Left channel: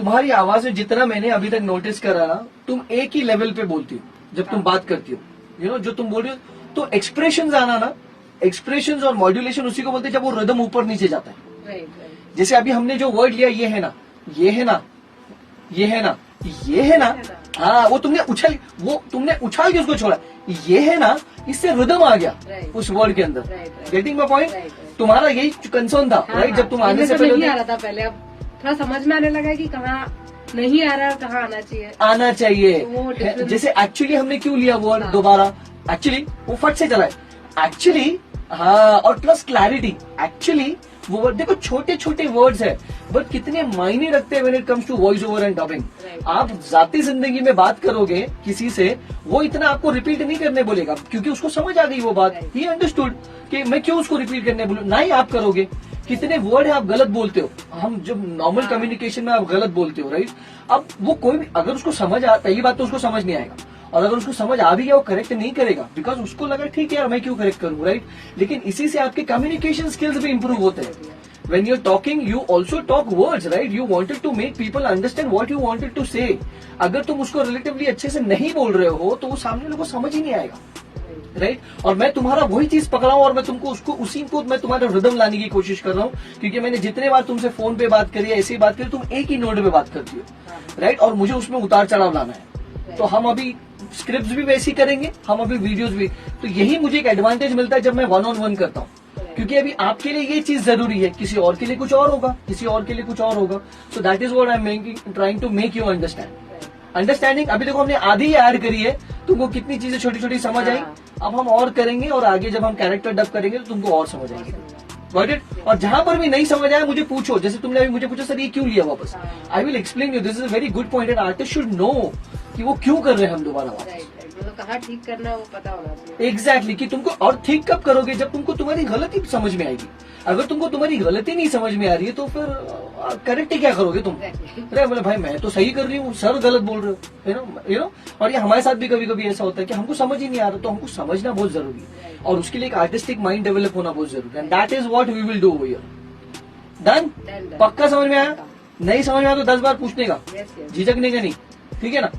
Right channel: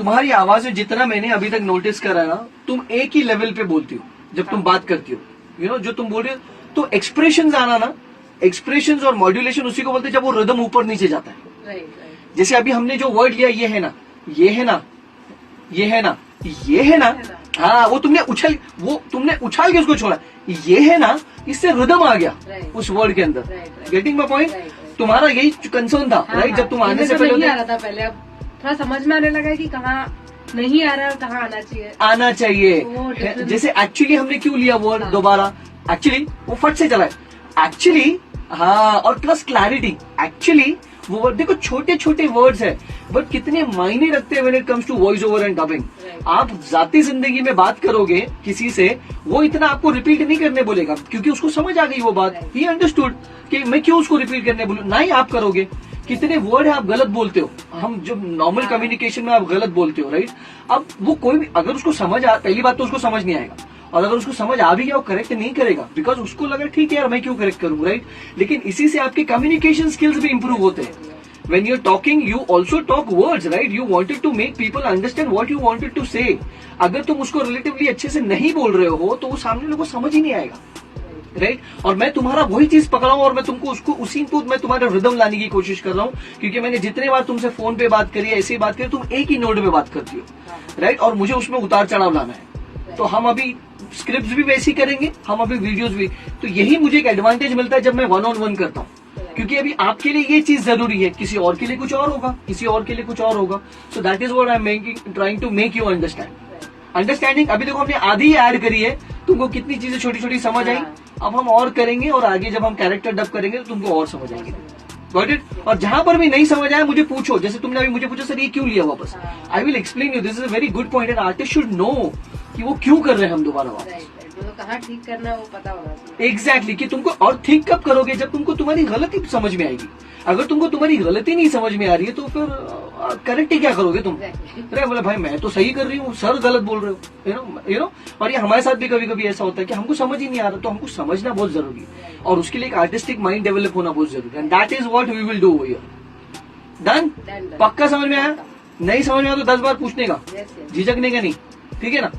तुम्हारी आवाज में जितना मैंने अभी तक नोटिस करा ना, तुम एक ही लेवल पे बोलती हो जब तुम बात करती हो। यू नो जो तुम बोल रही हो, तो एक्सप्रेशन आना ना, एक्सप्रेशन और मॉड्यूलेशन उसी को बोलते हैं जब वो रिदम ऊपर नीचे जाता है। जैसे अभी हमने जो वर्ड लिया, ये है ना, ये है ना, ये है ना, ये है ना, हाँ वो तुमने उछाल के उसको छोड़ा, ये है ना, इससे रिदम आ गया उस वर्ड के अंदर। Getting my point? तुम्हारा यही कंसर्न था, राइट? जब तुम आने से पहले नहीं आ रहा था पहले, अब थोड़ा समझ में आने लगा कि कहाँ नहीं आ रहा, कहाँ आना चाहिए। जैसे एक्चुअली हमने क्यों लिया वर्ड दोबारा, एक्चुअली वो फट से चला है एक्चुअली, हाँ, और प्लस क्लैरिटी। एक्चुअली वो word, देखो छोटे छोटे वर्ड्स है बट कितने मायने रखते हैं when it comes to voice over and dubbing. आप जाती जिंदगी में बात करोगे किसी से, वो इतना आपको रिपीट नहीं करने बोलेगा क्योंकि उसको समझ आ गई वो बात, ही अंडरस्टूड कि मैं क्यों उसको रिपीट करने बोलूं। ना ही आप करोगे। कितने वर्ड है आप गलत बोलते हो, हम जो नॉर्मल कम्युनिकेशन में आप गलत बोलते हो, राइट? अब वो कोई भी अगर उसको समझ आ, पहली बात तो उसको समझ नहीं आएगा, और अगर उसको समझ आ भी गया वो करेक्ट नहीं करेगा बिकॉज उसको लगा ठीक है यार मैं क्यों करेक्ट करूं, राइट? लेकिन इसी से आपके कम्युनिकेशन स्किल्स भी इंप्रूव होते हैं। When you're talking, you also talk words, right? You wanted to make people understand what you wanted to say. अगर तुम उसको रिलेटिवली अच्छे से नहीं बोल रहे हो तो वो सामने लोगों को समझ ही नहीं आएगा, राइट? और मैं तुम्हारा वही चीज पकड़ा हूं और मैं तुमको उसको उसी को मैं तुम्हारा रिदम लाने की कोशिश कर रहा हूँ, क्योंकि मैंने जितने बार तुमसे फोन पे बात करी है, ऐसी बात करी, तुम एक ही नोट पे बात करती हो, राइट? और मुझे उसमें उतार चढ़ाव लाना है। तो हम अभी स्क्रिप्ट भी वैसी करेंगे, हम अभी वीडियोज भी। तो यही मुझे एक एडवांटेज मिलता है जब मैं 1-on-1 करता हूँ, क्योंकि अभी आपके लिए ये चीज जरूरी है, किसी और के लिए कुछ और होगा, किसी और के लिए कुछ और होगा। So that is what I am trying to make you understanding. अभी देखो हमने आधी ऐड करी है, तुमको कितनी चीजें छोटी छोटी समझ आई। अब हम और करेंगे और आगे जब हम कैरेक्टर डब करेंगे तो तुमको और समझ आएगी, गॉट इट? और जहां पर भी नहीं समझ आया मुझे पूछो, जैसे तुमने अभी मुझे पूछा सर ये क्यों लिया वापस, I will explain you. This is a very good point and artist should know कि वो क्यों कर रहे हैं हम दोबारा वापस। तो कहाँ ठीक करना है वो पता होना चाहिए। एग्जैक्टली कि तुमको, और ठीक कब करोगे जब तुमको तुम्हारी गलती समझ में आएगी। अगर तुमको तुम्हारी गलती नहीं समझ में आ रही है तो फिर करेक्ट ही क्या करोगे तुम? अरे बोले भाई मैं तो सही कर रही हूँ, सर गलत बोल रहे हो, यू नो। और ये हमारे साथ भी कभी कभी ऐसा होता है कि हमको समझ ही नहीं आ रहा, तो हमको समझना बहुत जरूरी है और उसके लिए एक आर्टिस्टिक माइंड डेवलप होना बहुत जरूरी है। And that is what we will do here. Done? पक्का समझ में आया? नहीं समझ में आया तो 10 बार पूछने का, झिझकने का नहीं, ठीक है ना?